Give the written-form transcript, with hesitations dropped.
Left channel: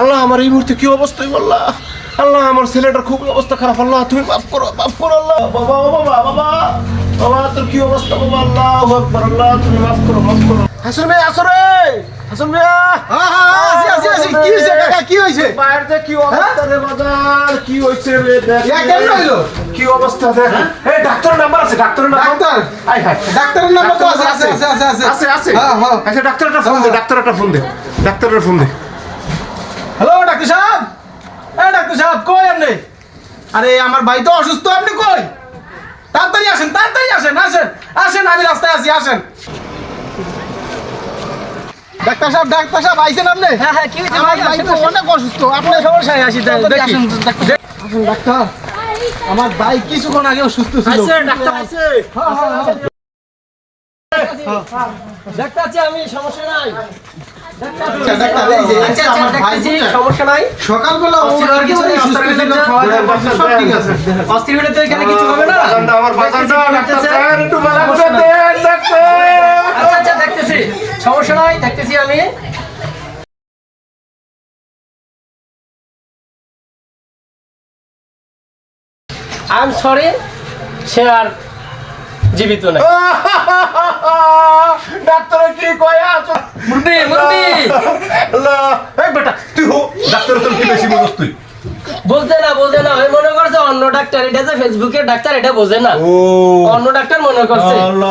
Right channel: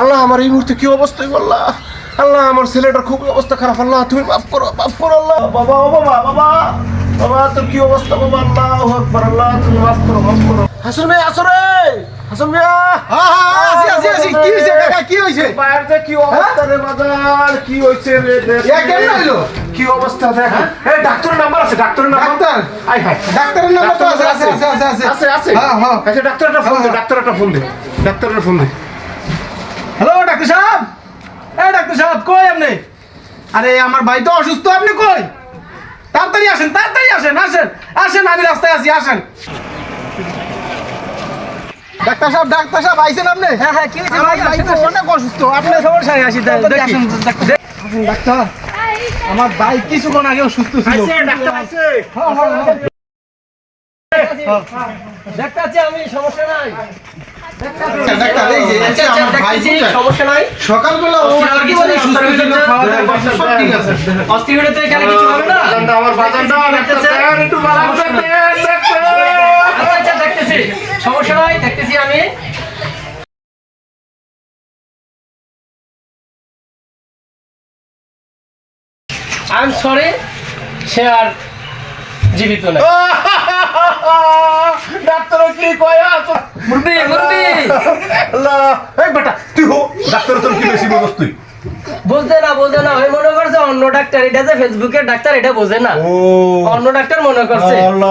আল্লাহ আমার এই মুহূর্তে কি অবস্থা আল্লাহ, আল্লাহ আমার ছেলেটার খুব অবস্থা খারাপ, আল্লাহ তুমি মাফ করো আল্লাহ। বাবা ও বাবা, বাবা বাবা তোর কি অবস্থা বাবা? আল্লাহু আকবার, আল্লাহ তুমি মাফ করো মাফ করো। হাসন ভাই আসো রে, হাসন ভাইয়া। আসি কি হইছে কাকা, কি হইছে? বাইরে যে কি অবস্থা রে বাজার, কি হইছে রে দেখ। কেমন হইলো? কি অবস্থা দেখ। এই ডাক্তারের নাম্বার আছে, ডাক্তারের নাম্বার। ডাক্তার? আই হাই, ডাক্তারের নাম্বার তো আছে আছে আছে। হ্যাঁ হ্যাঁ। আচ্ছা ডাক্তারটা ফোন দে, ডাক্তারটা ফোন দে, ডাক্তারের ফোন দে। হ্যালো ডাক্তার সাহেব, এই ডাক্তার সাহেব কই আপনি? আরে আমার ভাই তো অসুস্থ, আপনি কই? তাড়াতাড়ি আসেন, তাড়াতাড়ি আসেন, আসেন আসেন, আমি রাস্তায় আছি, আসেন। ডাক্তার সাহেব আইছেন আপনি? হ্যাঁ হ্যাঁ, কি হয়েছে আমার ভাই? ভাই তো অনেক অসুস্থ, আপনি সমস্যায় আসি তাড়াতাড়ি দেখি। আসেন ডাক্তার। আমার ভাই কিছুক্ষণ আগে সুস্থ ছিল। আইছে ডাক্তার আইছে। দেখতে আছি আমি, সমস্যা নাই। ডাক্তার এই যে আচ্ছা আচ্ছা, আমার ভাই দেখতেছি, বুঝলেন? সমস্যা নাই। সকালবেলা ও অস্থির হওয়ার কিছু নেই, সুস্থ অস্থির ছিল, হলে খাওয়া দাওয়া করছে, সব ঠিক আছে। অস্থির হলে তো এখানে কিছু হবে না। বাজারটা আমার বাজারটা ডাক্তার একটু বালা করে দে ডাক্তার। আচ্ছা আচ্ছা, দেখতেছি, সমস্যা নাই, দেখতেছি আমি। আই এম সরি, সে আর জীবিত নাই। ডাক্তার কি কয় আছে? মুরবি মুরবি, আল্লাহ এই বেটা তুই হো ডাক্তার, তোর কি বেশি বুঝছ তুই? বুঝতে না, ওই মনে করছে অন্য ডাক্তার, এটা যে ফেসবুকের ডাক্তার, এটা বোঝে না, ও অন্য ডাক্তার মনে করছে। আল্লাহ